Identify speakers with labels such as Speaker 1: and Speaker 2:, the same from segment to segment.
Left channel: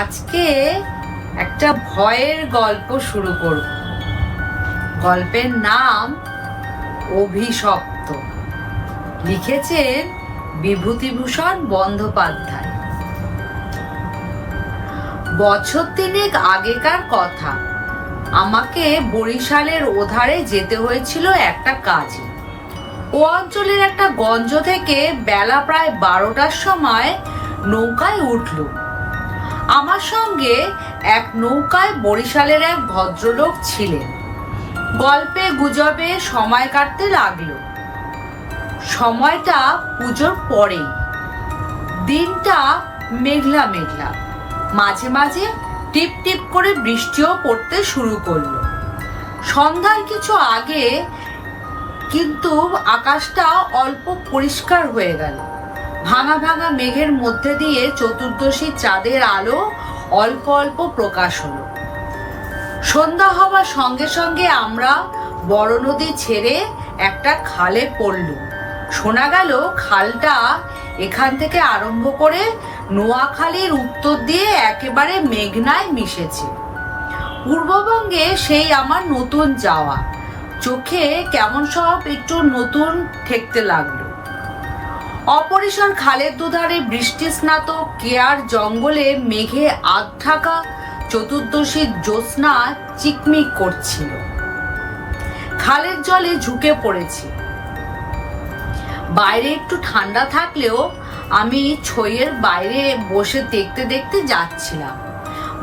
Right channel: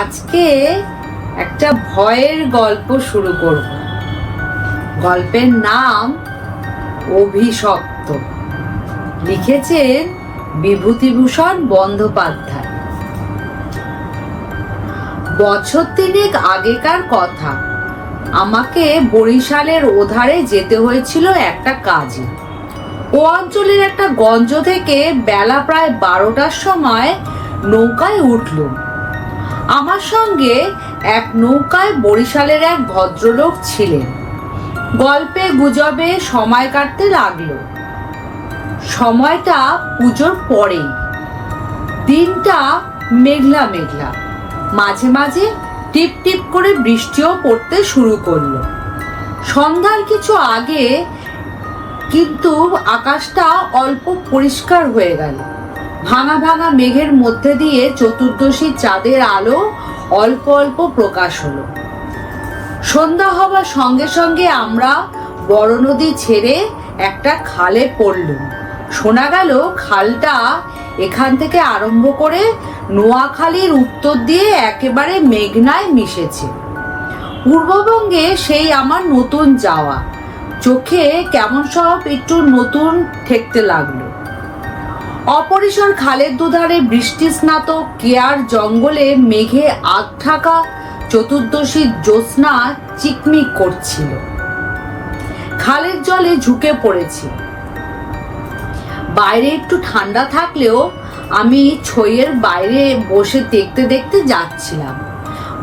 Speaker 1: আজকে একটা ভয়ের গল্প শুরু করব। গল্পের নাম অভিশপ্ত। লিখেছেন বিভূতিভূষণ বন্দ্যোপাধ্যায়। বছর তিনেক আগেকার কথা। আমাকে বরিশালের ওধারে যেতে হয়েছিল একটা কাজে। ও অঞ্চলের একটা গঞ্জ থেকে বেলা প্রায় বারোটার সময় নৌকায় উঠলুম। আমার সঙ্গে এক নৌকায় বরিশালের এক ভদ্রলোক ছিলেন। গল্পে, গুজবে সময় কাটতে লাগল। সময়টা পুজোর পরেই। দিনটা মেঘলা মেঘলা। মাঝে মাঝে টিপ টিপ করে বৃষ্টিও পড়তে শুরু করল। সন্ধ্যার কিছু আগে কিন্তু আকাশটা অল্প পরিষ্কার হয়ে গেল। ভাঙা ভাঙা মেঘের মধ্যে দিয়ে চতুর্দশী চাঁদের আলো অল্প অল্প প্রকাশ হলো। সন্ধ্যা হওয়ার সঙ্গে সঙ্গে আমরা বড় নদী ছেড়ে একটা খালে পড়লুম। শোনা গেল খালটা এখান থেকে আরম্ভ করে নোয়াখালীর উত্তর দিয়ে একেবারে মেঘনায় মিশেছে। পূর্ববঙ্গে সেই আমার নতুন যাওয়া। চোখে কেমন সব একটু নতুন ঠেকতে লাগল। অপরিসর খালের দুধারে বৃষ্টি স্নাত, কেয়ার জঙ্গলে মেঘে আগ থাকা চতুর্দশীর জ্যোৎস্না চিকমিক করছিল। খালের জলে ঝুঁকে পড়েছি। বাইরে একটু ঠান্ডা থাকলেও আমি ছইয়ের বাইরে বসে দেখতে দেখতে যাচ্ছিলাম।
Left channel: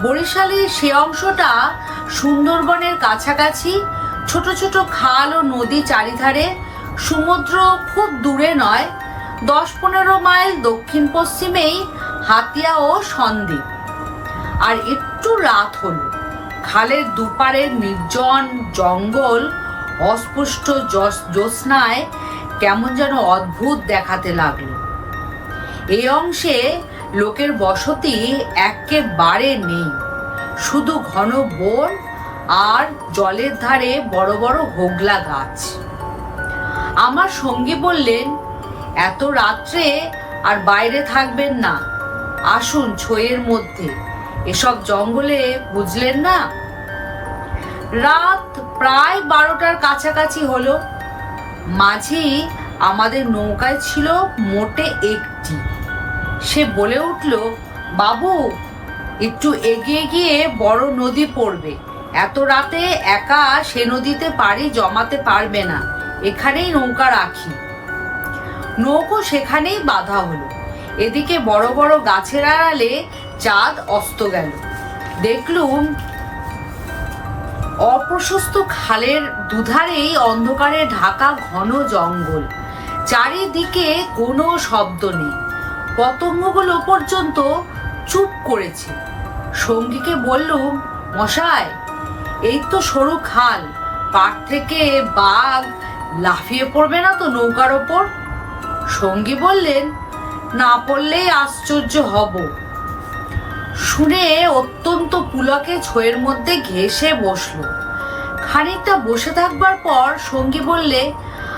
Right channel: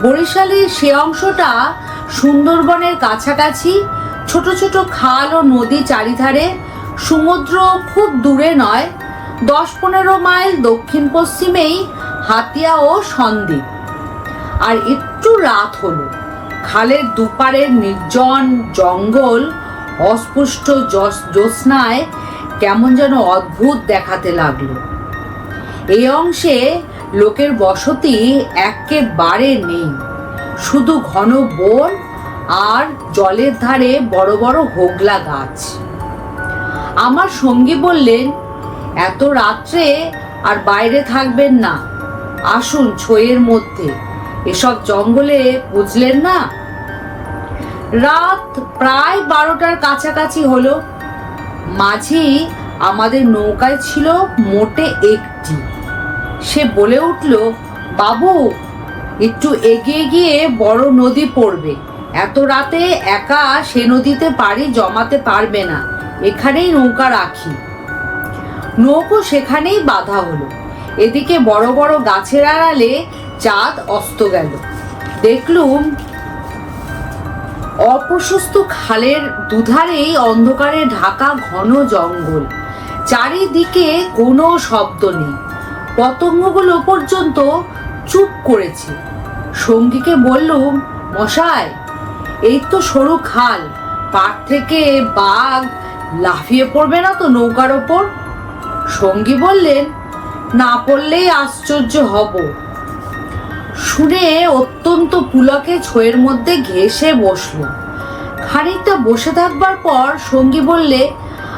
Speaker 1: বরিশালের সে অংশটা সুন্দরবনের কাছাকাছি, ছোট ছোট খাল ও নদী চারিধারে, সমুদ্র খুব দূরে নয় দশ পনেরো মাইল দক্ষিণ পশ্চিমেই হাতিয়া ও সন্দ্বীপ। আর একটু রাত হলো। খালের দুপারের নির্জন জঙ্গল অস্পষ্ট জ্যোৎস্নায় কেমন যেন অদ্ভুত দেখাতে লাগল। এই অংশে লোকের বসতি একেবারে নেই। শুধু ঘন বন আর জলের ধারে বড় বড় হোগলা গাছ। আমার সঙ্গী বললেন এত রাত্রে আর বাইরে থাকবেন না। আসুন ছইয়ের মধ্যে। এসব জঙ্গলে বুঝলেন না? রাত প্রায় বারোটার কাছাকাছি হলো। মাঝি আমাদের নৌকায় ছিল মোটে একটি। সে বলে উঠল, বাবু, একটু এগিয়ে গিয়ে বড় নদী পড়বে। এত রাতে একা সে নদীতে পাড়ি জমাতে পারবে না। এখানেই নৌকা রাখি। নৌকো সেখানেই বাধা হলো। এদিকে বড় বড় গাছের আড়ালে চাঁদ অস্ত গেল। দেখলুম অপ্রশস্ত খালের দুধারেই অন্ধকারে ঢাকা ঘন জঙ্গল। চারিদিকে কোনো শব্দ নেই। পতঙ্গগুলো পর্যন্ত চুপ করেছে। সঙ্গীকে বললুম, মশাই, এই তো সরু খাল। পার থেকে বাঘ লাফিয়ে পড়বে না তো নৌকার ওপর? সঙ্গী বললেন, না পড়লেই আশ্চর্য হব। শুনে অত্যন্ত পুলকে ছয়ের মধ্যে ঘেসে বসল। খানিকটা বসে থাকবার পর সঙ্গী বললে,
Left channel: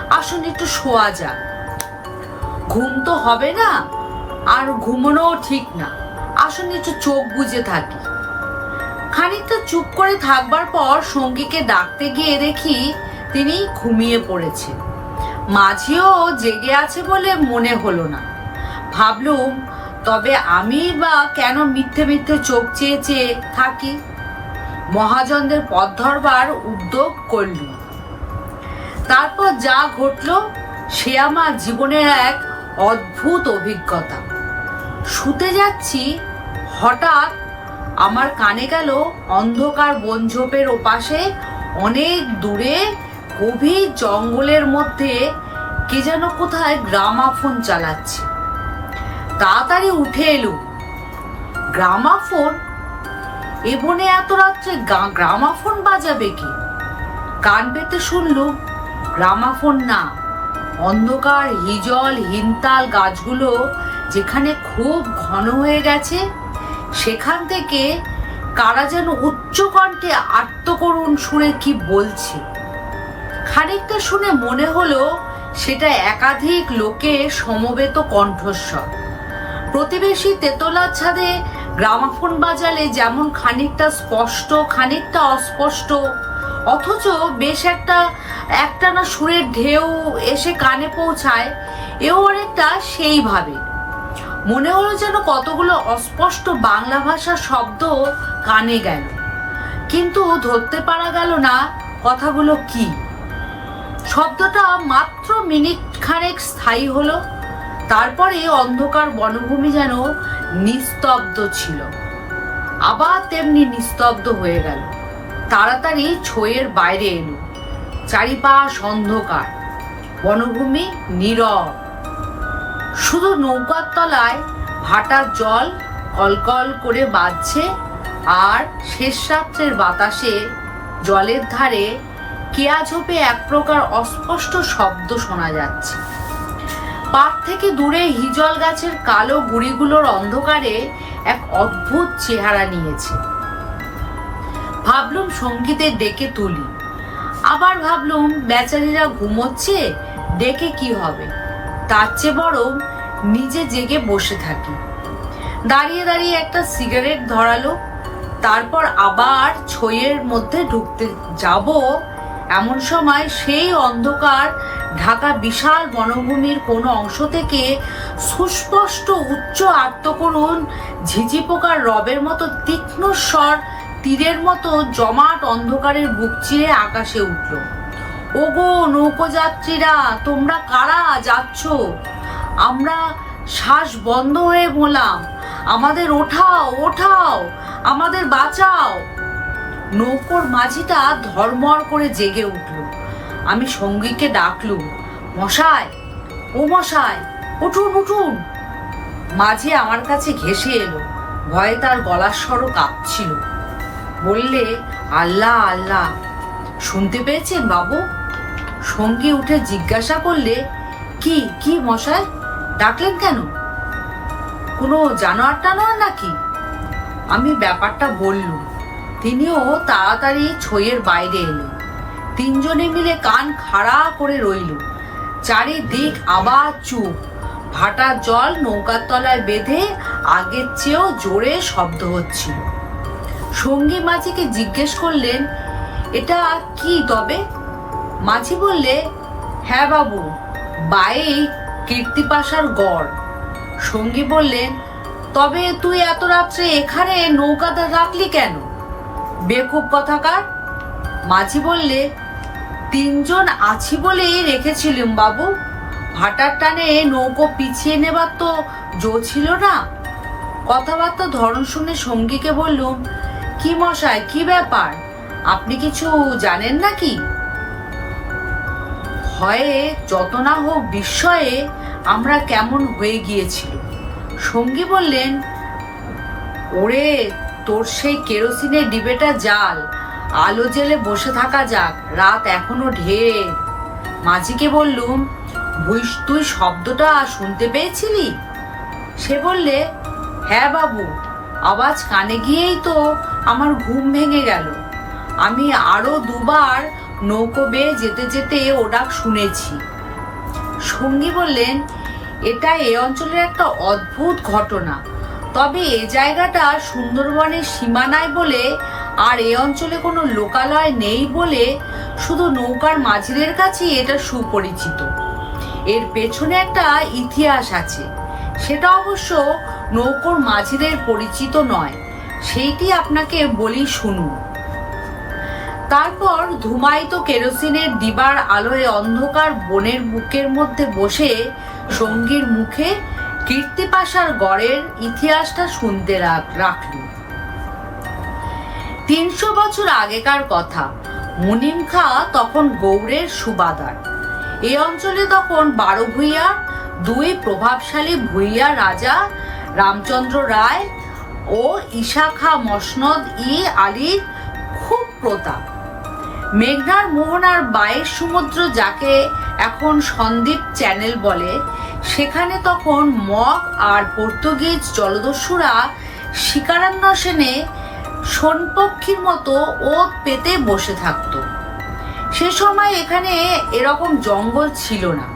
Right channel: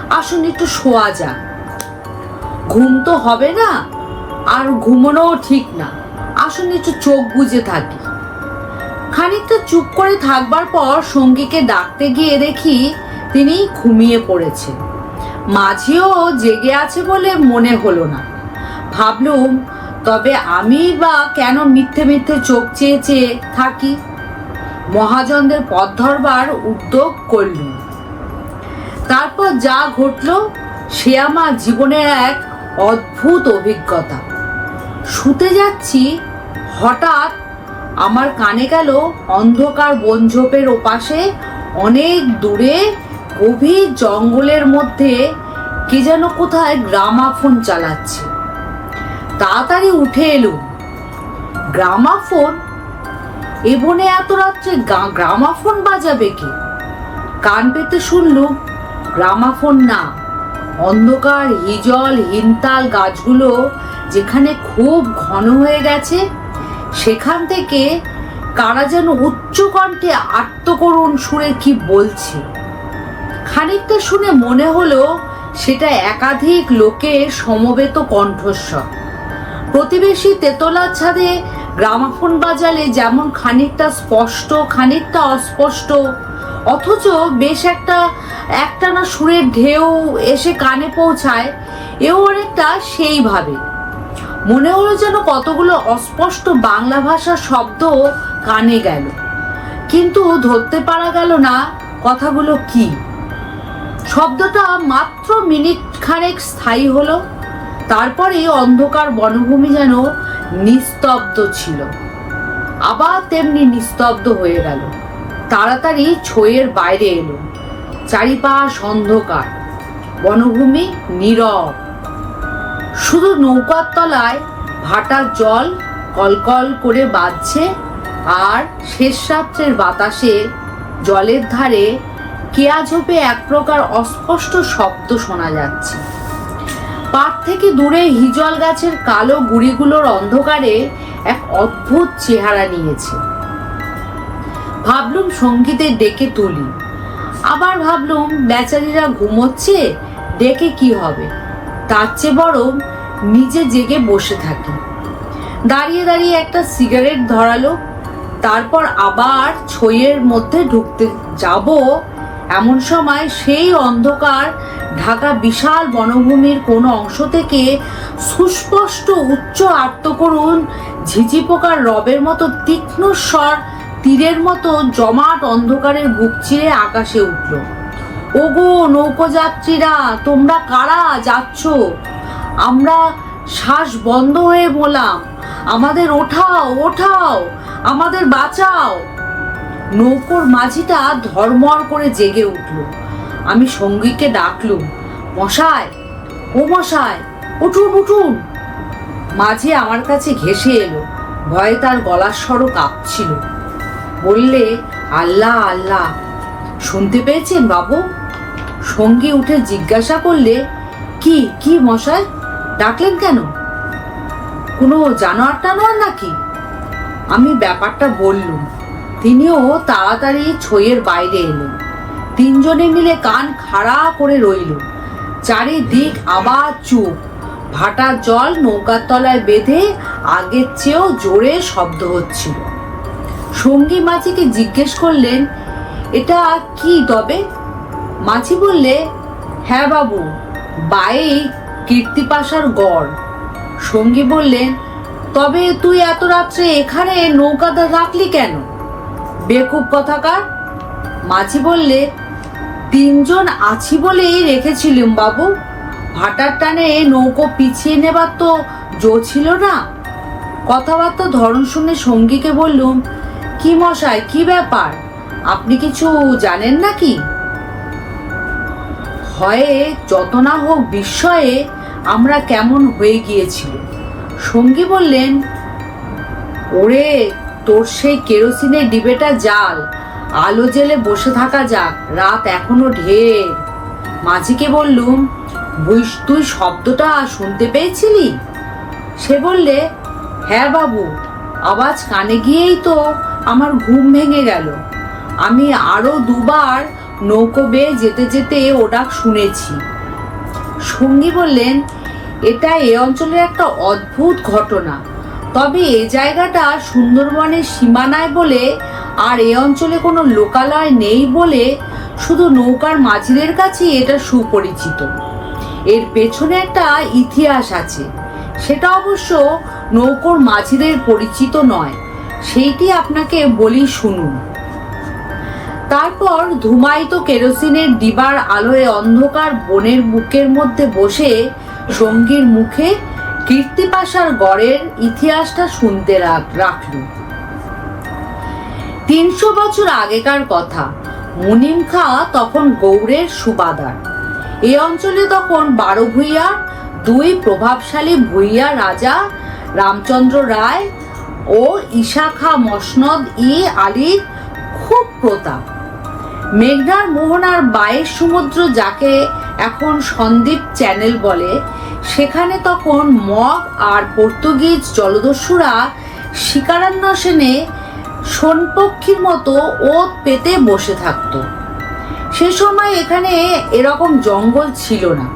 Speaker 1: আসুন একটু শোয়া যাক। ঘুম তো হবে না, আর ঘুমানোও ঠিক না। আসুন একটু চোখ বুজে থাকি। খানিকটা চুপ করে থাকবার পর সঙ্গীকে ডাকতে গিয়ে দেখি তিনি ঘুমিয়ে পড়েছে মাঝিও জেগে আছে বলে মনে হলো না। ভাবলুম, তবে আমি বা কেন মিথ্যে মিথ্যে চোখ চেয়ে চেয়ে থাকি? মহাজনদের পথ ধরবার উদ্যোগ করলুম। তারপর যা ঘটলো, সে আমার জীবনের এক অদ্ভুত অভিজ্ঞতা। শুতে যাচ্ছি, হঠাৎ আমার কানে গেল অন্ধকার বনঝোপের ওপাশে অনেক দূরে গভীর জঙ্গলের মধ্যে কে যেন কোথায় গ্রামাফোন চালাচ্ছে। তাড়াতাড়ি উঠে এলুম গ্রামাফোন? এ বনে এত রাত্রে গ্রামাফোন বাজাবে কি? কান পেতে শুনলুম গ্রামাফোন না। অন্ধকার, হিজল হিনতাল গাছগুলো যেখানে খুব ঘন হয়ে গেছে, সেখান থেকে কারা যেন উচ্চ কণ্ঠে আত্মকরুণ সুরে কি বলছে? খানিকটা শুনে মনে হলো সেটা একাধিক লোকের সমবেত কণ্ঠস্বর। প্রতিবেশী তেতলার ছাদে গ্রামাফোন বাজালে যেমন খানিকটা স্পষ্ট, খানিকটা অস্পষ্ট, অথচ বেশ একটা, একটানা সুরের ঢেউ এসে কানে পৌঁছায়, এও অনেকটা সেইভাবে। মনে হলো যেন কতগুলো অস্পষ্ট বাংলা ভাষার শব্দ কানে গেল। কিন্তু ধরতে পারা গেল না কথাগুলো কি। শব্দটা মাত্র মিনিট খানেক স্থায়ী হলো। তারপরে অন্ধকার বনভূমি যেন নিস্তব্ধ ছিল। আবার তেমনি নিস্তব্ধ হয়ে গেল। তাড়াতাড়ি ছইয়ের বাইরে এলো। চারিপাশ অন্ধকার। বনভূমি নীরব। শুধু নৌকার তলায় ভাটার জল কলকল করে বাজছে আর শেষ রাত্রের বাতাসে জলের ধারে কেয়া ঝোপে এক প্রকার অস্পষ্ট শব্দ শোনা যাচ্ছে। পাট থেকে দূরে হিজল গাছের কালো গুড়িগুলোর অন্ধকারে এক অদ্ভুত চেহারা নিয়েছে। ভাবলুম সঙ্গীতে ডেকে তুলি। আবার ভাবলুম বেচারিরা ঘুমোচ্ছে, ডেকে কি হবে? তার চেয়ে বরং নিজে জেগে বসে থাকি। দাঁড়িয়ে দাঁড়িয়ে একটা সিগারেট ধরালো, তারপর আবার ছইয়ের মধ্যে ঢুকতে যাব এমন সময় সেই অন্ধকার ঢাকা বিশাল বনভূমির কোনো অংশ থেকে সুস্পষ্ট উচ্চ আত্মকরুণ, ঝিঝি পোকার রবের মতো তীক্ষ্ণ স্বর, তীরের মতো জমাট অন্ধকারের বুক চিরে আকাশে উঠল। ওগো নৌকোযাত্রীরা, তোমরা কারা যাচ্ছ? আমরা শ্বাস বন্ধ হয়ে মোলাম আমাদের ওঠাও ওঠাও, আমাদের বাঁচাও। নৌকোর মাঝিটা ধর্মর করে জেগে উঠল। আমি সঙ্গীকে ডাকলুম মশায় ও মশায় উঠুন উঠুন। মাঝি আমার কাছে ঘেসে এলো, ভয়ে তার গলার স্বরও কাঁপছিল। বললে, আল্লাহ আল্লাহ, শুনতে পেয়েছেন বাবু? সঙ্গী উঠে জিজ্ঞাসা করলে, কি কি মশাই, ডাকলেন কেন? কোনো জানোয়ার টানোয়ার নাকি? আমি ব্যাপারটা বললুম তিনিও তাড়াতাড়ি ছইয়ের বাইরে এলেন তিনজনে মিলে কান খাড়া করে রইল। চারিদিক আবার চুপ। ভাটার জল নৌকার তলায় বেঁধে আগের চেয়েও জোরে শব্দ হচ্ছিল। সঙ্গী মাঝিকে জিজ্ঞেস করলেন, এটা কি তবে? মাঝি বললে হ্যাঁ বাবু, বাই কীর্তিপাশার গড়। সঙ্গী বললেন, তবে তুই এত রাত্রে এখানে নৌকাটা রাখলি কেন? বেকুব কথাকার? মাঝি বললে, তিনজন আছি বলেই রেখেছিলুম বাবু। ভাটার টানে নৌকো পিছিয়ে নেবার তো জো ছিল না। কথাবার্তা ধরন শুনে সঙ্গীকে বললুম, কি মশাই, কি ব্যাপার? আপনি কিছু জানেন নাকি? ভয়ে যত না হোক বিস্ময়ে আমরা কেমন হয়ে গিয়েছিল সঙ্গী বললেন, ওরে তোর সেই কেরোসিনের ডিবেটা জাল। আলো জেলে বসে থাকা যাক, রাত এখনও ঢের। মাঝিকে বললুম বুঝ তুই শব্দটা শুনতে পেয়েছিলি? সে বললে হ্যাঁ বাবু, আওয়াজ কানে গিয়েই তো আমার ঘুম ভেঙে গেল। আমি আরও দুবার নৌকো বেয়ে যেতে যেতে ও ডাক শুনেছি। সঙ্গী বললেন, এটা এ অঞ্চলের একটা অদ্ভুত ঘটনা। তবে এ জায়গাটা সুন্দরবনের সীমানায় বলে আর এ অঞ্চলে কোনো লোকালয় নেই বলে শুধু নৌকার মাঝিদের কাছে এটা সুপরিচিত। এর পেছনে একটা ইতিহাস আছে। সেটা অবশ্য নৌকোর মাঝিদের পরিচিত নয়। সেইটি আপনাকে বলি শুনুন। তারপর ধুমায়িত কেরোসিনের ডিবার আলোয় অন্ধকার বনের বুকের মধ্যে বসে সঙ্গীর মুখে কীর্তিপাশার গড়ের ইতিহাসটা শুনতে রাখল। তিনশো বছর আগেকার কথা, মুনিম খা তখন গৌড়ের সুবাদার। এই অঞ্চলে তখন বারো ভূঁইয়ার দুই প্রভাবশালী ভূঁইয়া রাজা রামচন্দ্র রায় ও ঈশা খা মসনদ ই আলীর খুব প্রতাপ। মেঘনার মোহনার বাইশ সমুদ্র যাকে এখন সন্দ্বীপ চ্যানেল বলে সেখানে তখন মগ আর পর্তুগিজ জলদস্যুরা শিকারান্বেষণে সোনপক্ষীর মতো ওত পেতে বসে থাকত। সে সময় এখানে এরকম জঙ্গল ছিল না।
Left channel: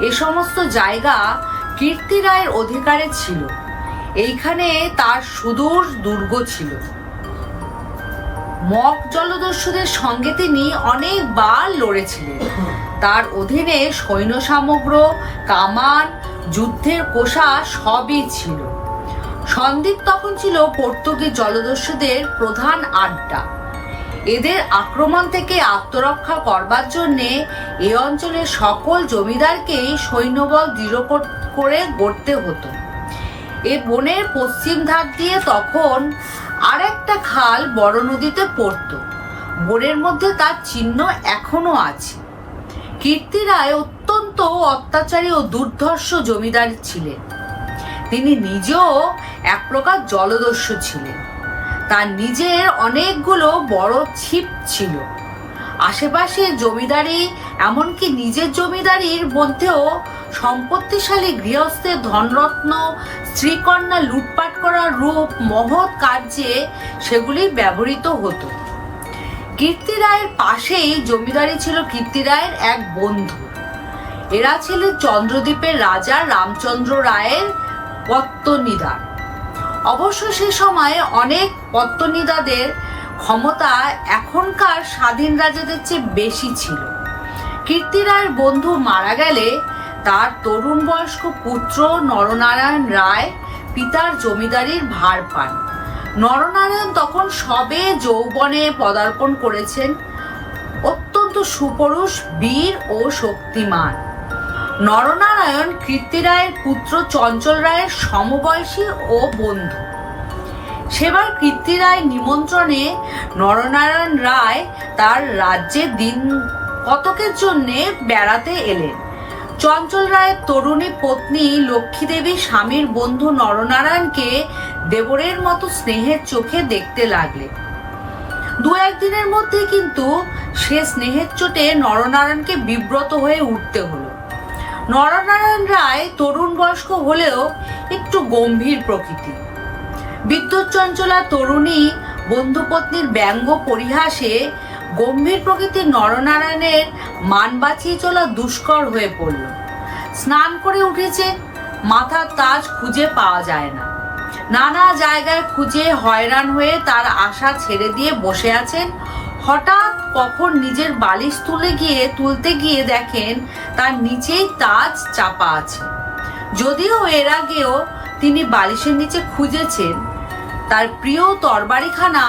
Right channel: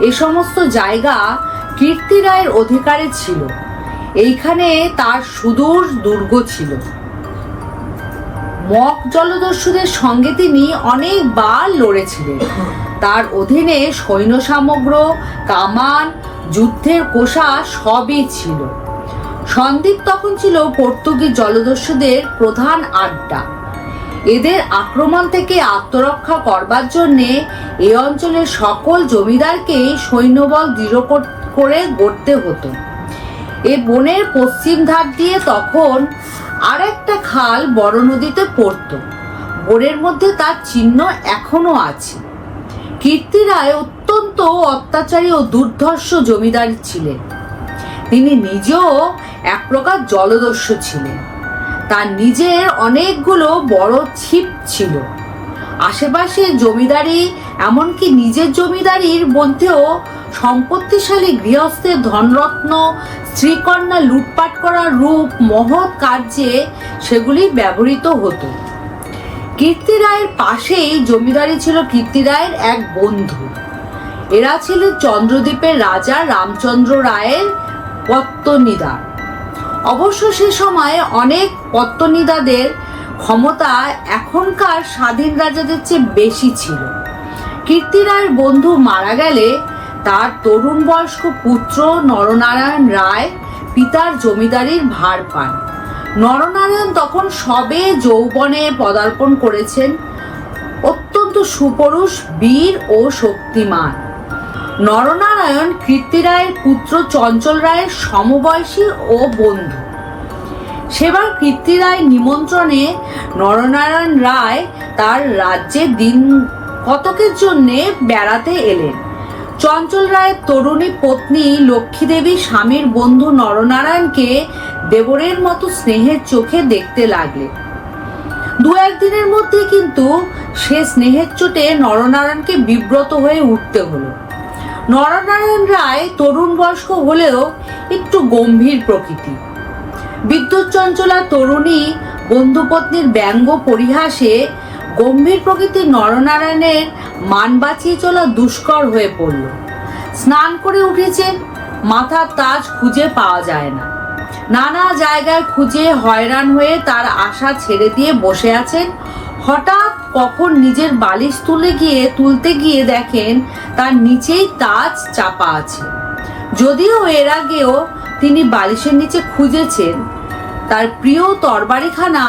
Speaker 1: এ সমস্ত জায়গা কীর্তি রায়ের অধিকারে ছিল। এইখানে তার সুদূর দুর্গ ছিল। মক জলদস্যুদের সঙ্গে তিনি অনেকবার লড়েছিলেন। তার অধীনে সৈন্য সামগ্র কামান, যুদ্ধের কোষা সবই ছিল। সন্দ্বীপ তখন ছিল পর্তুগিজ জলদস্যুদের প্রধান আড্ডা। এদের আক্রমণ থেকে আত্মরক্ষা করবার জন্যে এই অঞ্চলের সকল জমিদারকে সৈন্যবল দৃঢ় করে গড়তে হতো। এ বনের পশ্চিম ধার দিয়ে তখন আর একটা খাল বড় নদীতে পড়তো। বনের মধ্যে তার চিহ্ন এখনও আছে। কীর্তি রায় অত্যন্ত অত্যাচারী ও দুর্ধর্ষ জমিদার ছিলেন। তিনি নিজেও এক প্রকার জলদস্যু ছিলেন। তার নিজের অনেকগুলো বড় ছিপ ছিল। আশেপাশে জমিদারি, এমনকি নিজের জমিদারির মধ্যেও সম্পত্তিশালী গৃহস্থের ধনরত্ন, স্ত্রীকন্যা লুটপাট করার রূপ, মহৎ কার্যে সেগুলি ব্যবহৃত হতো। কীর্তি রায়ের পাশেই জমিদারি ছিল কীর্তি রায়ের এক বন্ধু। এরা ছিল চন্দ্রদ্বীপের রাজা রামচন্দ্র রায়ের পত্তনিদার অবশ্য সে সময়ে অনেক পত্তনিদাদের ক্ষমতা এখনকার স্বাধীন রাজাদের চেয়ে বেশি ছিল। কীর্তি রায়ের বন্ধু মারা গেলে তার তরুণ বয়স্ক পুত্র নরনারায়ণ রায় পিতার জমিদারির ভার পান। নরনারায়ণ তখন সবে যৌবনে পদার্পণ করেছেন। অত্যন্ত সুপুরুষ, বীর ও শক্তিমান। নরনারায়ণ কীর্তি রায়ের পুত্র চঞ্চল রায়ের সমবয়সী ও বন্ধু। সেবার কীর্তি রায় নিমন্ত্রণে নরনারায়ণ রায় তার রাজ্যে দিন কতকের জন্যে বেড়াতে এলেন? চঞ্চল রায়ের তরুণী পত্নী লক্ষ্মী দেবী স্বামীর বন্ধু নরনারায়ণকে দেবরের মতো স্নেহের চোখে দেখতে লাগলেন দু একদিনের মধ্যে কিন্তু সে স্নেহের চোটে নরনারায়ণকে বিব্রত হয়ে উঠতে হলো। নরনারায়ণ রায় তরুণ বয়স্ক হলেও একটু গম্ভীর প্রকৃতি। বিদ্যুৎ চঞ্চলা তরুণী বন্ধুপত্নীর ব্যঙ্গ পরিহাসে গম্ভীর প্রকৃতির নরনারায়ণের মান বাঁচিয়ে চলা দুষ্কর হয়ে পড়ল। স্নান করে উঠেছেন মাথার তাজ খুঁজে পাওয়া যায় না। নানা জায়গায় খুঁজে হয়রান হয়ে তার আশা ছেড়ে দিয়ে বসে আছেন। হঠাৎ কখন নিজের বালিশ তুলে গিয়ে, তুলতে গিয়ে দেখেন তার নিচেই তাজ চাপা আছে। যদিও এর আগেও তিনি বালিশের নিচে খুঁজেছেন, তার প্রিয় তরবারিখানা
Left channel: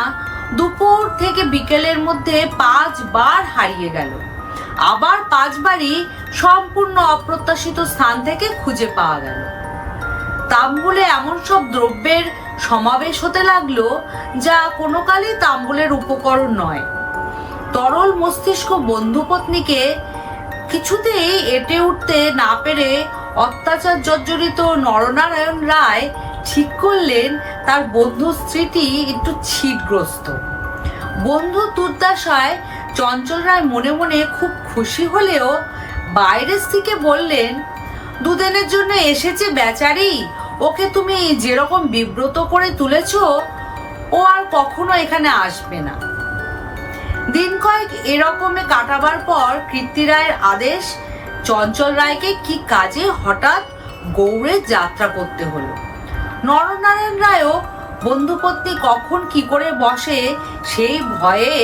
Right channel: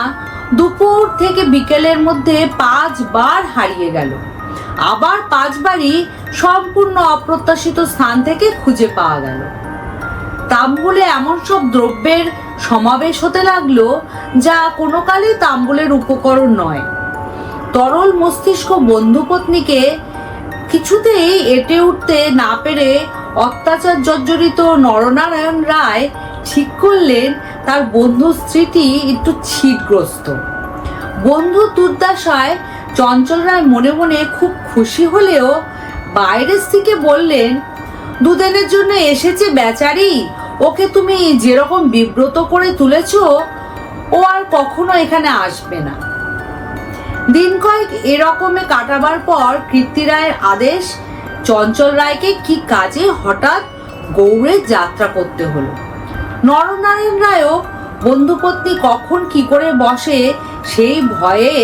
Speaker 1: দুপুর থেকে বিকেলের মধ্যে পাঁচবার হারিয়ে গেল। আবার পাঁচবারই সম্পূর্ণ অপ্রত্যাশিত স্থান থেকে খুঁজে পাওয়া গেল। তাম্বুলে এমন সব দ্রব্যের সমাবেশ হতে লাগল, যা কোনো কালেই তাম্বুলের উপকরণ নয়। তরল মস্তিষ্ক বন্ধুপত্নীকে কিছুতেই এটে উঠতে না পেরে অত্যাচার জর্জরিত নরনারায়ণ রায় ঠিক করলেন তার বন্ধু স্ত্রীটি একটু ছিটগ্রস্ত। বন্ধু দুর্দশায় চঞ্চল রায় মনে মনে খুব খুশি হলেও বাইরের থেকে বললেন, দুদিনের জন্য এসেছে বেচারি, ওকে তুমি যেরকম বিব্রত করে তুলেছ, ও আর কখনো এখানে আসবে না। দিন কয়েক এরকমে কাটাবার পর কীর্তি রায়ের আদেশ, চঞ্চল রায়কে কি কাজে হঠাৎ গৌড়ে যাত্রা করতে হলো। নরনারায়ণ রায়ও বন্ধুপত্নী কখন কি করে বসে সেই ভয়ে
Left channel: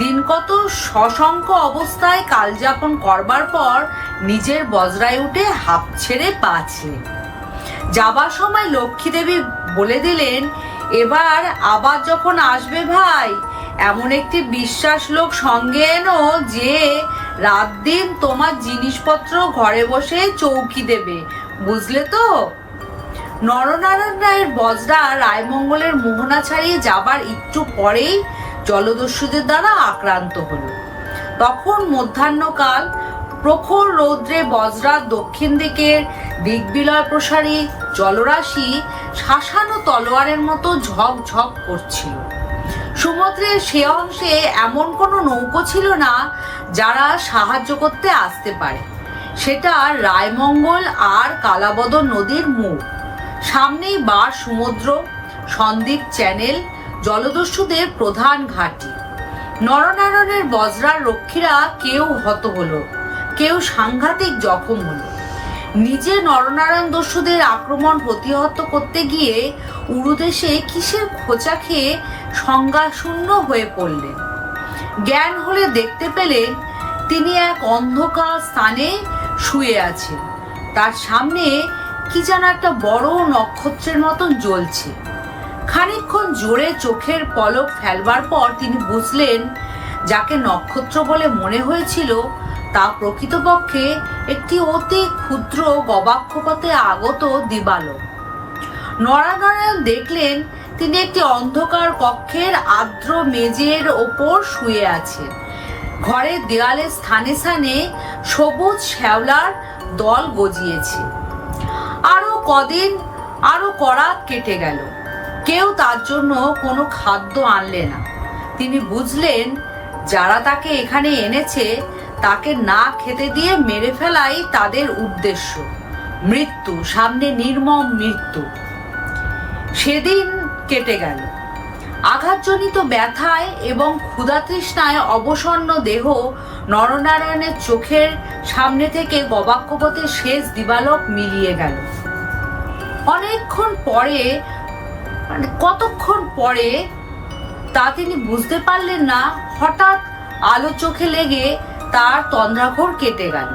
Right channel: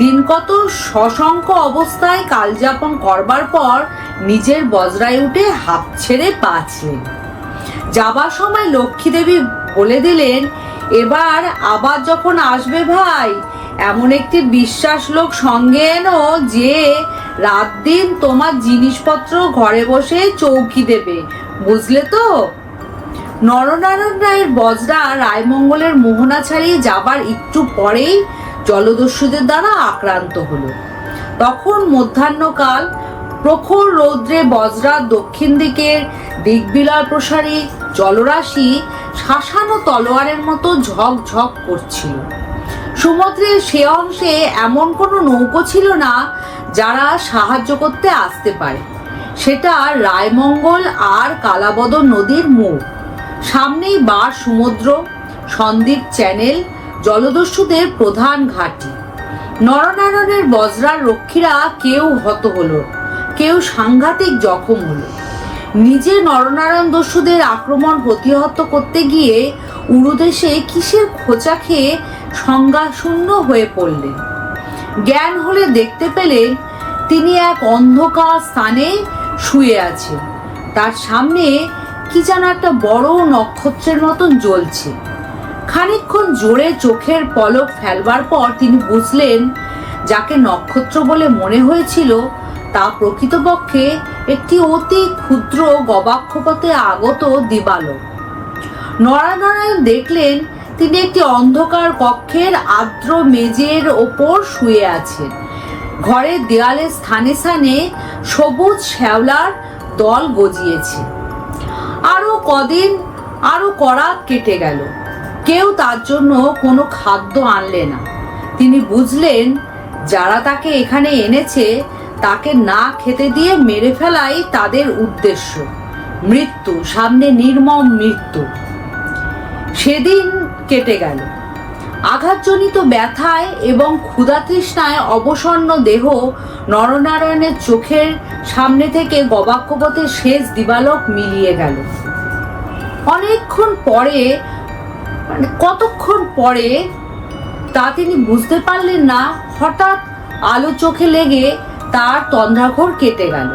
Speaker 1: দিন কত সশঙ্ক অবস্থায় কালযাপন করবার পর নিজের বজরায় উঠে হাত ছেড়ে বাঁচলেন। যাবার সময় লক্ষ্মী দেবী বলে দিলেন, এবার আবার যখন আসবে ভাই, এমন একটি বিশ্বাস লোক সঙ্গে এনো যে রাত দিন তোমার জিনিসপত্র ঘরে বসে চৌকি দেবে, বুঝলে তো? নরনারায়ণ রায়ের বজরা রায়মঙ্গলের মোহনা ছাড়িয়ে যাবার একটু পরেই জলদস্যুদের দ্বারা আক্রান্ত হল। তখন মধ্যাহ্নকাল প্রখর রৌদ্রে বজরা দক্ষিণ দিকের দিকবিলয় প্রসারী জলরাশি শাসানো তলোয়ারের মতো ঝকঝক করছিল। সমুদ্রের সে অংশে এমন কোনো নৌকো ছিল না যারা সাহায্য করতে আসতে পারে। সেটা রায়মঙ্গল আর কালাবদর নদীর মুখ সামনেই বার সমুদ্র সন্দ্বীপ চ্যানেল, জলদস্যুদের প্রধান ঘাঁটি। নরনারায়ণের বজরার রক্ষীরা কেউ হত হলো, কেউ সাংঘাতিক জখম হলো। নিজে নরনারায়ণ দস্যুদের আক্রমণ প্রতিহত করতে গিয়ে উরুদেশে কিসের খোঁচা খেয়ে সংজ্ঞাশূন্য হয়ে পড়লেন। জ্ঞান হলে দেখতে পেলেন তিনি এক অন্ধকার স্থানে শুয়ে আছেন। তার সামনে কি যেন একটা বড় নক্ষত্রের মতন জ্বলছে। খানিকক্ষণ জোরে চোখের পলক ফেলবার পর তিনি বুঝলেন, যাকে নক্ষত্র বলে মনে হয়েছিল, তা প্রকৃতপক্ষে একটি অতি ক্ষুদ্র গবাক্ষপথে আগত দিবালোক। নরানারায়ণ দেখলেন তিনি একটি অন্ধকার কক্ষের আর্দ্র মেজের ওপর শুয়ে আছেন। ঘরের দেয়ালে স্থানে স্থানে সবুজ শ্যাওলার দল গজিয়েছে। আরও কদিন আরও কড়া কেটে গেল। কেউ তার জন্য কোনো খাদ্য আনলে না। তিনি বুঝলেন, যারা তাকে এখানে এনেছে, তাকে না খেতে দিয়ে মেরে ফেলাই তাদের উদ্দেশ্য। মৃত্যু, সামনে নির্মম মৃত্যু। সেদিন কেটে গেল। আঘাতজনিত ব্যথায় এবং ক্ষুধা তৃষ্ণায় অবসন্ন দেহ নরনারায়ণের চোখের সামনে থেকে গবাক্ষপথের শেষ দিবালক মিলিয়ে গেল। অনেকক্ষণ পরে মানে কতক্ষণ পরে তা তিনি বুঝতে পারলেন না, হঠাৎ আলো চোখে লেগে তার তন্দ্রাঘর কেটে গেল।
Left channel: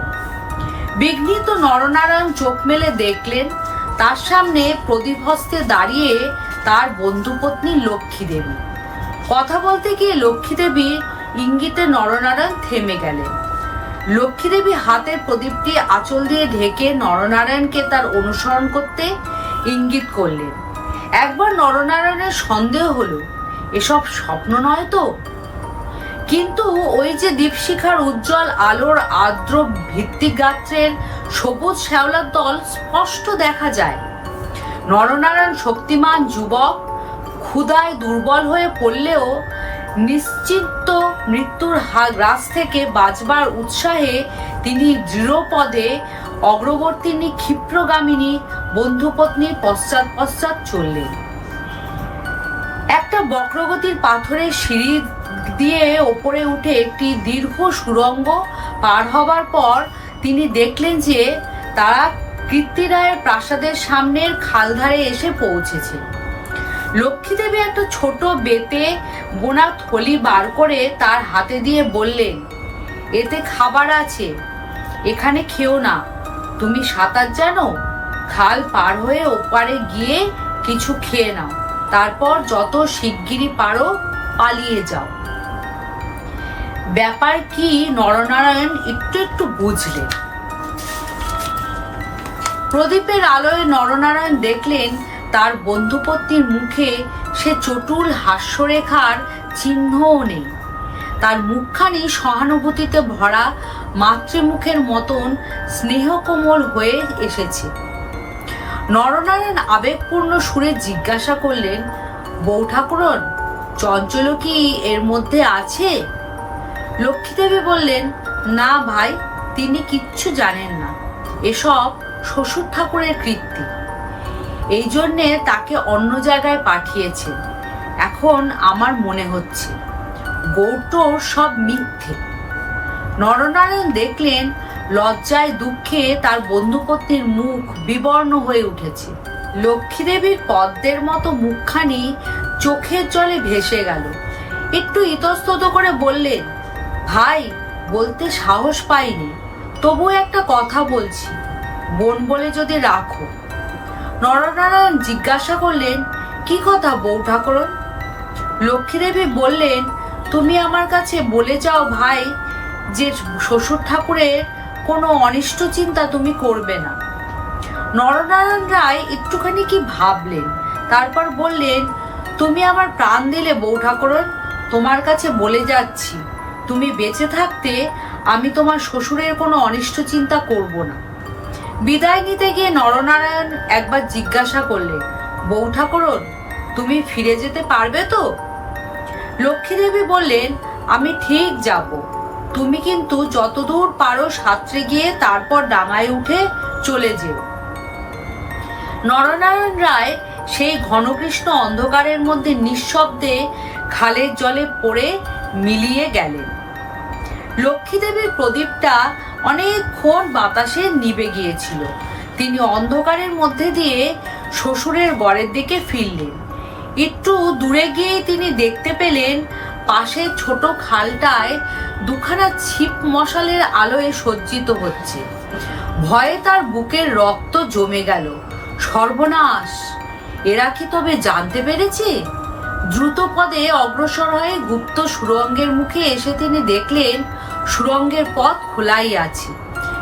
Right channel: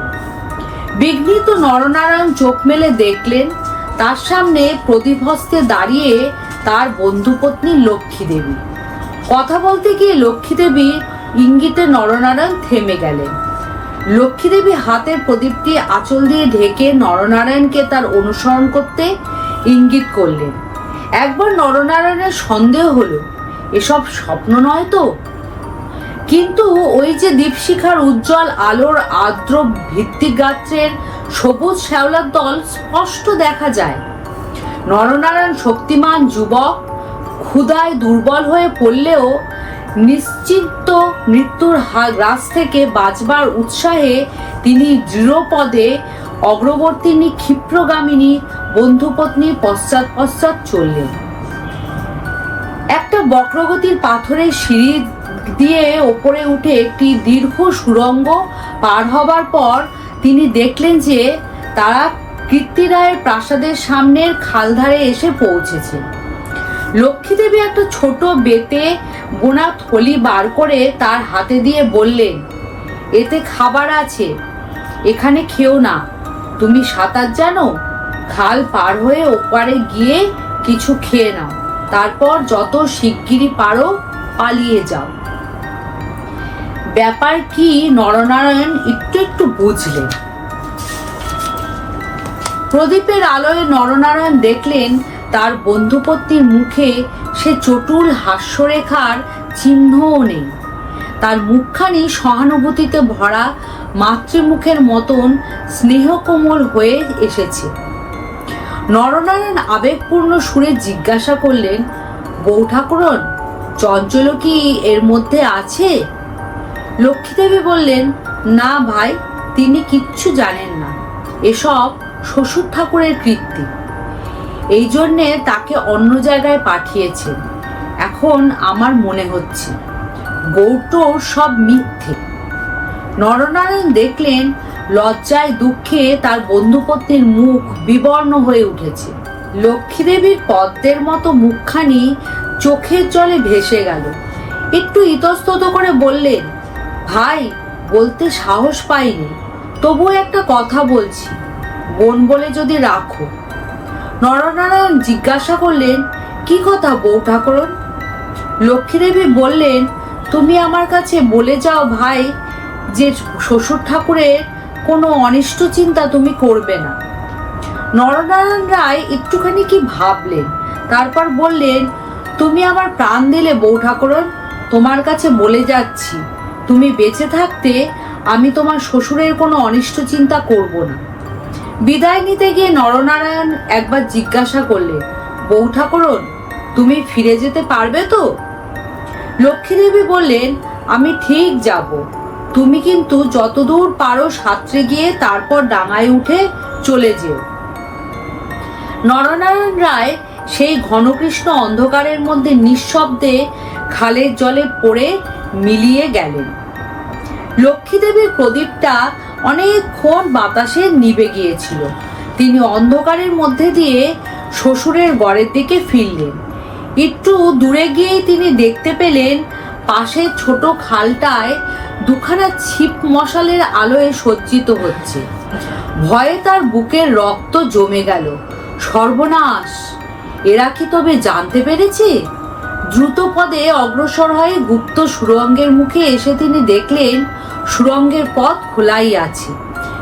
Speaker 1: বিঘ্নিত নরনারায়ণ চোখ মেলে দেখলেন, তার সামনে প্রদীপ হস্তে দাঁড়িয়ে তার বন্ধুপত্নী লক্ষ্মী দেবী। কথা বলতে গিয়ে লক্ষ্মী দেবী ইঙ্গিতে নরনারায়ণ থেমে গেলেন। লক্ষ্মী দেবী হাতের প্রদীপটি আঁচল দিয়ে ঢেকে নরনারায়ণকে তার অনুসরণ করতে ইঙ্গিত করলেন। একবার নরনারায়ণের সন্দেহ হলো, এসব স্বপ্ন নয় তো? কিন্তু ওই যে দীপশিখার উজ্জ্বল আলোর আর্দ্র ভিত্তিগাত্রের সবুজ শ্যাওলার দল স্পষ্ট দেখা যায়। নরনারায়ণ শক্তিমান যুবক ক্ষুদায় দুর্বল হয়ে পড়লেও নিশ্চিন্ত মৃত্যুর গ্রাস থেকে বাঁচবার উৎসাহে তিনি দৃঢ়পদে অগ্রবর্তিনী ক্ষিপ্রগামিনী বন্ধুপত্নী পশ্চাৎ পশ্চাৎ চললেন। একটা বক্রগতির পাথরের সিঁড়ি দিয়ে ওপরে উঠে একটি দীর্ঘ সুরঙ্গ পার হবার পর তিনি দেখলেন যে তারা কীর্তিরায়ের প্রাসাদের সামনের খালধারে এসে পৌঁছেছে। লক্ষ্মীদেবী একটা ছোট বেতে বোনা থলি বার করে তার হাতে দিয়ে বললেন, এতে খাবার আছে, এখানে খেও না। তুমি সাঁতার জানো? খাল পার হয়ে ওপারে গিয়ে কিছু খেয়ে নাও। তারপর যত শিগগিরই পারো, পালিয়ে যাও। ব্যাপার কি নরনারায়ণ একটু একটু বুঝলেন। প্রদীপের আলোয় নরনারায়ণ দেখলেন তার বন্ধুপত্নীর মুখে সে চটুল হাস্যরেখার চিহ্নও নেই। তার মুখখানি সহানুভূতিতে ভরা মাতৃমুখের মতন স্নেহকোমল হয়ে এসেছে। নরনারায়ণ আবেগপূর্ণ সুরে জিজ্ঞাসা করলেন বউ ঠাকুরন চঞ্চল কি এর মধ্যে আছে? লক্ষ্মীদেবী বললেন, না ভাই, তিনি কিচ্ছু জানেন না। এসব শ্বশুর ঠাকুরের কৃত্তি এই জন্যে তাকে অন্য জায়গায় পাঠিয়েছেন এখন আমার মনে হচ্ছে গৌটোর সব মিথ্যে। নরনারায়ণ দেখলেন, লজ্জায় দুঃখে তার বন্ধুপত্নীর মুখ বিবর্ণ হয়ে উঠেছে। লক্ষ্মীদেবীর পদ্মের মতো মুখখানি চোখের জলে ভেসে গেল। একটু ইতস্তত করে বললেন, ভাই, বলতে সাহস পাইনি। তবু একটা কথা বলছি। বোন বলে যদি রাখো। নরনারায়ণ জিজ্ঞাসা করলেন, কি কথা বউ ঠাকুরন? লক্ষ্মীদেবী বললেন, তুমি আমার কাছে বলে যাও ভাই যে শ্বশুর ঠাকুরের কোনো অনিষ্ট চিন্তা তুমি করবে না। নরনারায়ণ রায় একটুখানি কি ভাবলেন, তারপর বললেন, তুমি আমার প্রাণ দিলে বউ ঠাকুরন, তোমার কাছে বলে যাচ্ছি। তুমি বেঁচে থাকতে আমি তোমার শ্বশুরের কোনো অনিষ্ট চিন্তা করব না। বিদায় নিতে গিয়ে নরনারায়ণ একবার জিজ্ঞাসা করলে, বউ ঠাকুরন, তুমি ফিরে যেতে পারবে তো? লক্ষ্মীদেবী বললেন, আমি ঠিক যাব। তুমি কিন্তু যতদূর পারো সাঁতরে গিয়ে তারপর ডাঙায় উঠে চলে যেও। নরনারায়ণ রায় সেই ঘনকৃষ্ণ অন্ধকারের মধ্যে নিঃশব্দে খালের জলে পড়ে মিলিয়ে গেলেন। লক্ষ্মীদেবীর প্রদীপটা অনেকক্ষণ বাতাসে নিভে গিয়েছিল। তিনি অন্ধকারের মধ্যে দিয়ে শ্বশুরের গড়ের দিকে ফিরলেন। একটু দূরে গিয়েই তিনি দেখতে পেলেন, পাশে ছোট খালটায় দুখানা ছিপ মশালের আলোয় সজ্জিত হচ্ছে। ভয়ে তার বুকের রক্ত জমে গেল। সর্বনাশ! এরা কি তবে জানতে পেরেছে? দ্রুত পদে অগ্রসর হয়ে গুপ্ত সুরঙ্গের মুখে এসে তিনি দেখলেন সুরঙ্গের পথ খোলাই আছে।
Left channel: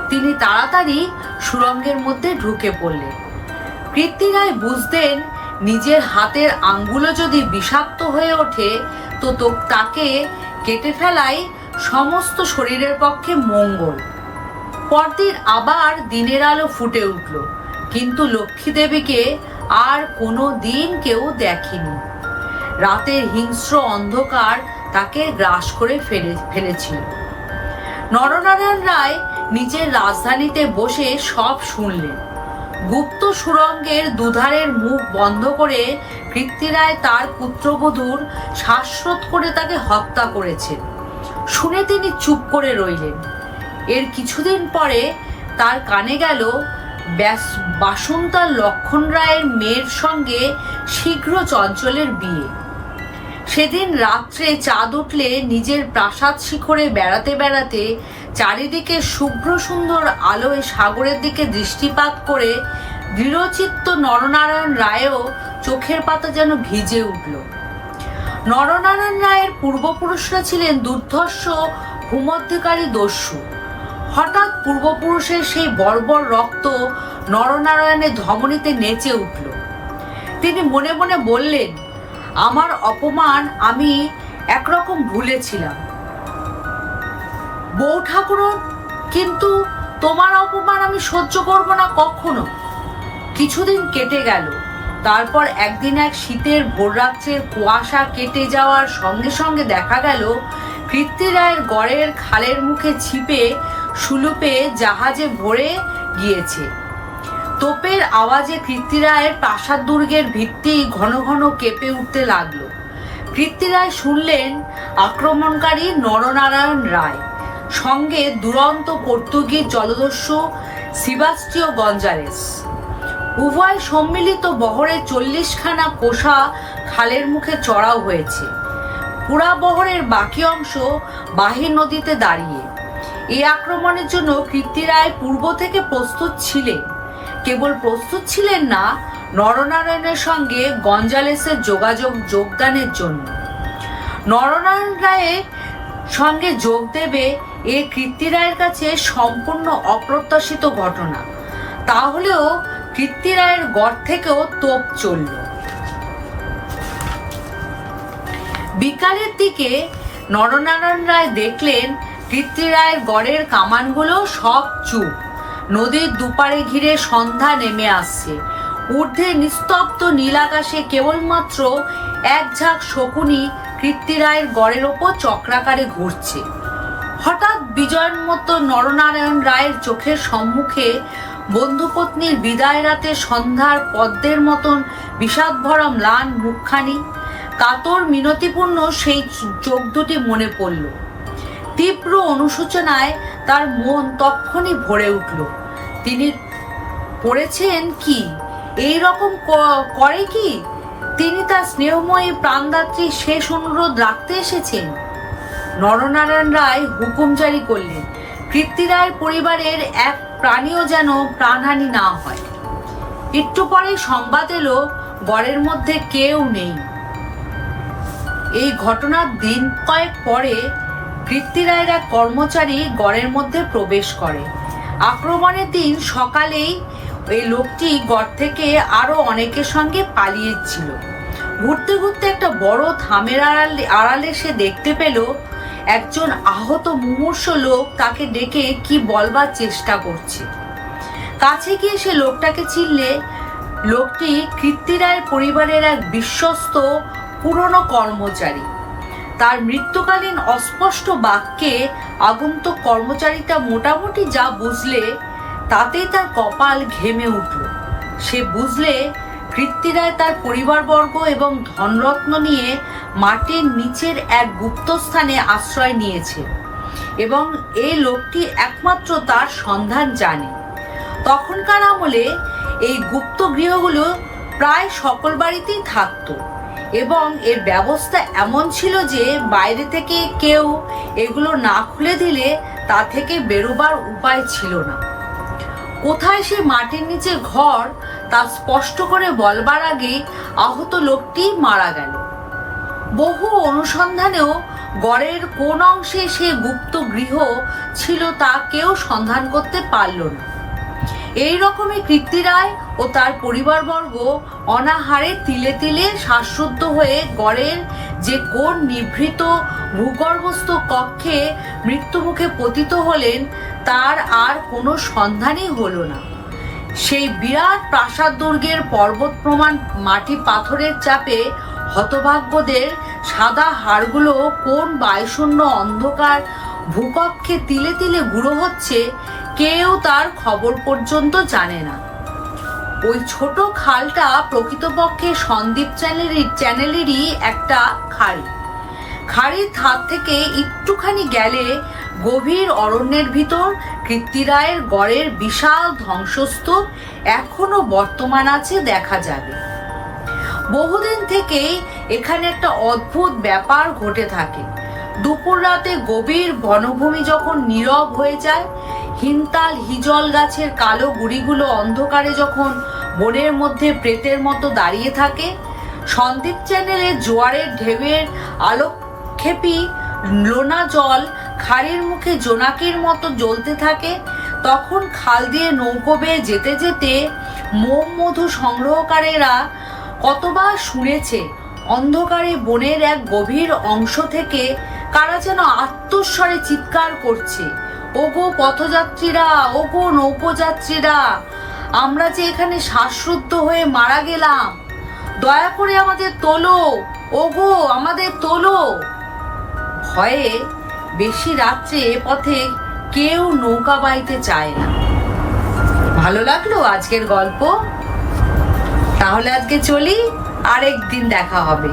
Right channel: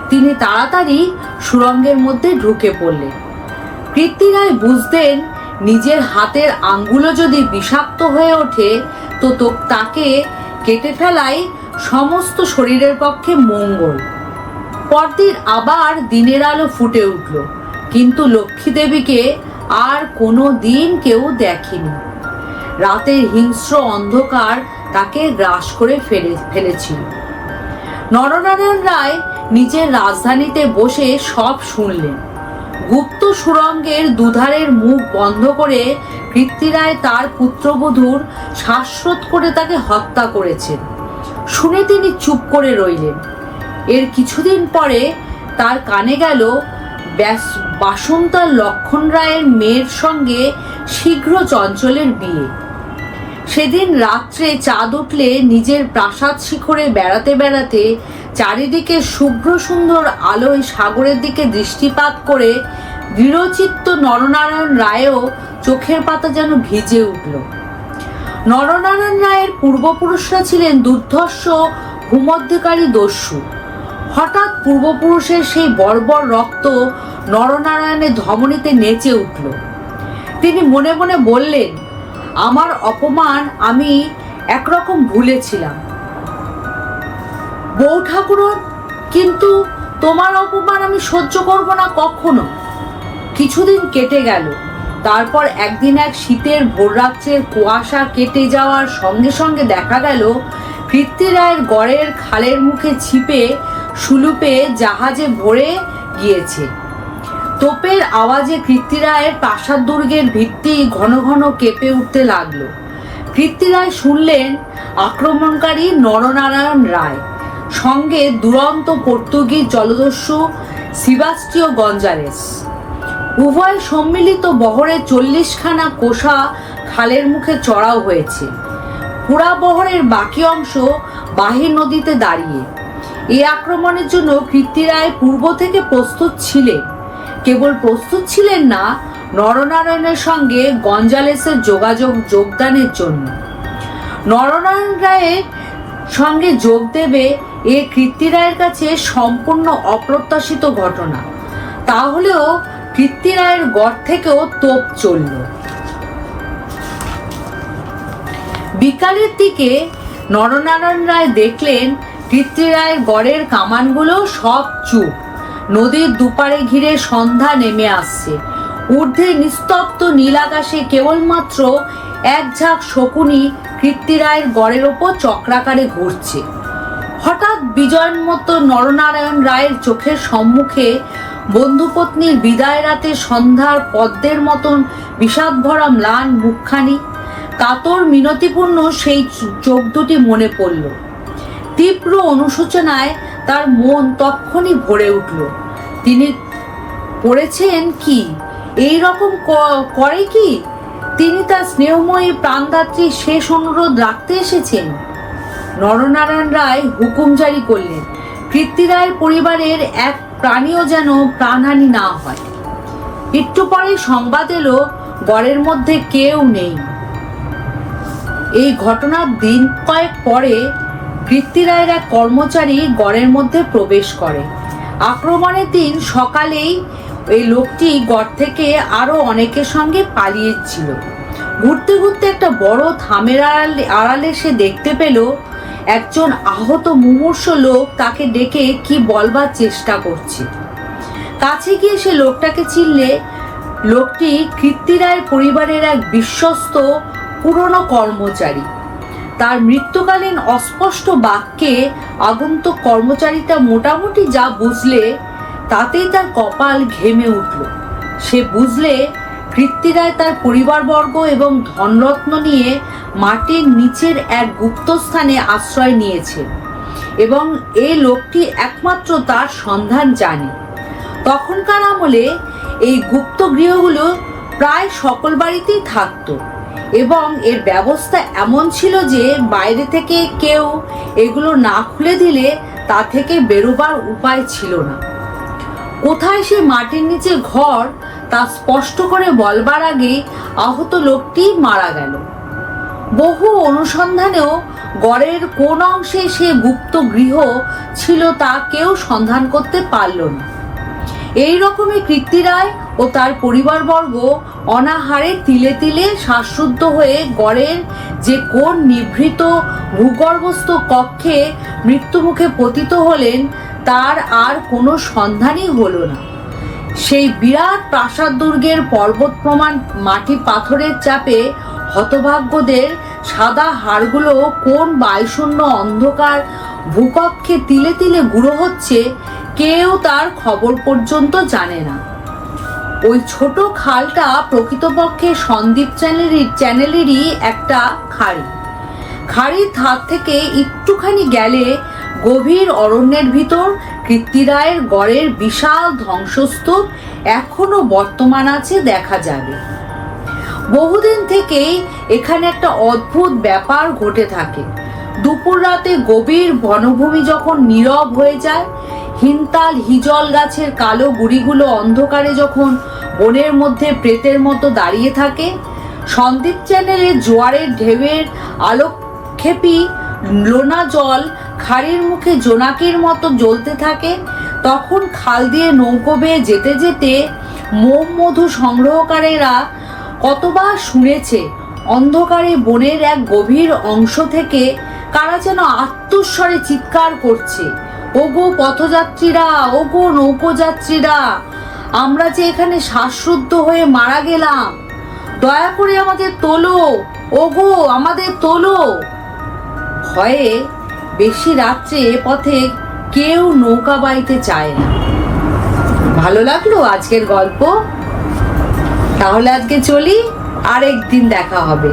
Speaker 1: তিনি তাড়াতাড়ি সুরঙ্গের মধ্যে ঢুকে পড়লেন। কৃত্তিরায় বুঝতেন নিজের হাতের আঙ্গুলো যদি বিষাক্ত হয়ে ওঠে, তো তাকে কেটে ফেলাই সমস্ত শরীরের পক্ষে মঙ্গল। পরদিন আবার দিনের আলো ফুটে উঠল, কিন্তু লক্ষ্মী দেবীকে আর কোনো দিন কেউ দেখেনি। রাতের হিংস্র অন্ধকার তাকে গ্রাস করে ফেলে, ফেলেছিল। নরনারায়ণ রায় নিজের রাজধানীতে বসে সব শুনলেন। গুপ্ত সুরঙ্গের দুধারের মুখ বন্ধ করে কৃত্তিরায় তার পুত্রবধূর শ্বাসরোধ করে তাকে হত্যা করেছেন। শুনে তিনি চুপ করে রইলেন। এর কিছুদিন পরে তার কানে গেল, ব্যাস, বাসন্তার লক্ষণ রায়ের মেয়ের সঙ্গে শীঘ্র চঞ্চলের বিয়ে। সেদিন রাত্রে চাঁদ উঠলে নিজের প্রাসাদ শিখরে বেড়াতে বেড়াতে চারিদিকে শুভ্র সুন্দর আলোয় সাগরের দিকে দৃষ্টিপাত করে দৃঢ়চিত্ত নরনারায়ণ রায়ও চোখের পাতা যেন ভিজে উঠল। নরনারায়ণ রায়ের পূর্বপুরুষরা ছিলেন দুর্ধর্ষ, ভূমধ্যকারী দস্যু। হঠাৎ পূর্বপুরুষের সেই বর্বর রক্ত নরনারায়ণের ধমনীতে নেচে উঠল। তিনি মনে মনে বললেন আমার অপমান আমি একরকম ভুলেছিলাম। বউ ঠাকুরন, কিন্তু তোমার অপমান আমি সহ্য করব না কখনো। কিছুদিন কেটে গেল। তারপর একদিন এক শীতের ভোররাত্রের কুয়াশা কেটে যাওয়ার সঙ্গে সঙ্গে দেখা গেল, কৃত্তিরায়ের গড়ের খালের মুখে ছিপে সুলুপে জাহাজে ভরে গিয়েছে। তোপের আওয়াজে কৃত্তিরায়ের প্রাসাদ দুর্গের ভিত্তি ঘন ঘন কেঁপে উঠতে লাগল। কৃত্তিরায় শুনলেন আক্রমণকারী নরনারায়ণ রায়, সঙ্গে দুরন্ত পর্তুগিজ জলদস্যু সিবাস্টিও গঞ্জারেস। উভয় সম্মিলিত বহরে চল্লিশখানা কোষা খালের মুখে চড়াও হয়েছে। পুরা বহরের বাকি অংশ বাহির নদীতে দাঁড়িয়ে। এই আক্রমণের জন্য কৃত্তিরায় পূর্ব থেকে প্রস্তুত ছিলেন। কেবল প্রস্তুত ছিলেন না নরনারায়ণের সঙ্গে গঞ্জালেসের যোগাযোগ যোগদানের জন্য। নরনারায়ণ রায়ের সঙ্গে যোগ দেবে এ কৃত্তি রায়ের কাছে সম্পূর্ণ অপ্রত্যাশিত ঘটনা। তাহলেও কৃত্তিরায়ের গড় থেকেও তোপ চলল। বিকালের দিকে নরনারায়ণ রায় দেখলেন কৃত্তিরায়ের গড়ের কামানগুলো সব চুপ। নদীর দুপারে ঘিরে সন্ধ্যা নেমে আসছে। ঊর্ধ্বে নিস্তব্ধ নীল আকাশে কেবলমাত্র এক ঝাঁক শকুনি কৃত্তিরায়ের গড়ের ওপর চক্রাকারে ঘুরছে। হঠাৎ বিজয়ের মতো নরনারায়ণ রায়ের চোখের সম্মুখে বন্ধুপত্নীর বিদায় রাতে সন্ধ্যার পদ্মের মতন বিষাদ ভরা ম্লান মুখখানি, কাতর মিনতিপূর্ণ সেই চোখ দুটি মনে পড়ল। তীব্র অনুশোচনায় তার মন তক্ষণই ভরে উঠল। তিনি পড়েছেন কি? এই রকম করে কি? তিনি তার স্নেহময়ী প্রাণদাত্রী শেষ অনুরোধ রাখতে এসেছেন। নরনারায়ণ রায় হুকুম জারি করলেন কৃত্তিরায়ের পরিবারের এক প্রাণীও যেন প্রাণহানি না হয়। একটু পরে সংবাদ এলো, গড়ের মধ্যে কেউ নেই। এই ঘটনার দিন কয়েক পরে কৃত্তিরায়ের এক কর্মচারী গড়ের মধ্যে প্রবেশ করে। আক্রমণের দিন সকালেই এই লোকটি গড় থেকে আরও অনেকের সঙ্গে পালিয়েছিল। ঘুরতে ঘুরতে একটা বড় থামের আড়ালে আড়ালে সে দেখতে পেল, একজন আহত মুমূর্ষ লোক তাকে ডেকে কি বলবার চেষ্টা করছে। কাছে গিয়ে সে লোকটাকে চিনলে, লোকটি কৃত্তিরায়ের পরিবারের এক বিশ্বস্ত পুরনো কর্মচারী। তার মৃত্যুকালীন অস্পষ্ট বাক্যে আগন্তুক কর্মচারীটা মোটামুটি যা বুঝলে, তাতেই তার কপাল ঘেমে উঠল। সে বুঝলে কৃত্তিরায় তার পরিবারবর্গ এবং ধনরত্ন নিয়ে মাটির নিচের এক গুপ্তস্থানে আশ্রয় নিয়েছে এবং এই লোকটি একমাত্র তার সন্ধান জানে। তখনকার আমলে এই গুপ্ত গৃহগুলো প্রায় সকল বাড়িতেই থাকতো। এবং এর ব্যবস্থা এমন ছিল যে বাইরে থেকে কেউ এগুলো না খুলে দিলে তা থেকে বেরোবার উপায় ছিল না। কোথায় সে মাটির নিচে ঘর তা স্পষ্ট করে বলবার আগেই আহত লোকটি মারা গেল। বহু অনুসন্ধানেও গড়ের কোন অংশে সে গুপ্ত গৃহ ছিল তা কেউ সন্ধান করতে পারল না। এই রকমই কৃত্তিরায় ও তার পরিবারবর্গ অনাহারে তিলে তিলে শ্বাসরুদ্ধ হয়ে গড়ের যে কোন নিভৃত ভূগর্ভস্থ কক্ষে মৃত্যুমুখে পতিত হলেন, তার আর কোনো সন্ধানই হলো না। সেই বিরাট প্রাসাদ দুর্গের পর্বত প্রমাণ মাটি পাথরের চাপে হতভাগ্যদের সাদা হাড়গুলো কোন বায়ুশূন্য অন্ধকার ভূকক্ষে তিলে তিলে গুঁড়ো হচ্ছে কেউ তার খবর পর্যন্ত জানে না। ওই ছোট খালটা প্রকৃতপক্ষে সন্দীপ চ্যানেলের চ্যানেলেরই একটা খাড়ি। খাড়ির ধার থেকে একটুখানি গেলে গভীর অরণ্যের ভিতর কৃত্তিরায়ের গড়ের বিশাল ধ্বংসস্তূপ এখনও বর্তমান আছে দেখা যাবে। বহুদিন থেকেই এখানে একটা অদ্ভুত ব্যাপার ঘটে থাকে। দুপুর রাতে গভীর বনভূমি যখন নীরব হয়ে যায় হিনতাল হিজল গাছের কালো গুড়িগুলো অন্ধকারে যখন বনের মধ্যে প্রেতের মতো দাঁড়িয়ে থাকে, সন্দীপ চ্যানেলে জোয়ারের ঢেউয়ের আলোকক্ষেপী লোনা জল খাড়ির মুখে জোনাকির মতো জ্বলতে থাকে, তখন খাল দিয়ে নৌকো বেয়ে যেতে যেতে মোম মধু সংগ্রহকারীরা কতবার শুনেছে, অন্ধকারে বনের এক গভীর অংশ থেকে কারা যেন আত্মস্বরে চিৎকার করছে। ওগো পথযাত্রীরা, ওগো নৌকোযাত্রীরা আমরা যে এখানে শ্বাসরুদ্ধ হয়ে মারা গেলাম, দয়া করে আমাদের তোলো, ওগো আমাদের তোলো। ভয়ে বেশি রাত্রে এ পথে কেউ নৌকা বাইতে চায় না। ভালো লাগল আজকের গল্প? তাহলে আজকে চলি আরেক দিন দেখা হবে।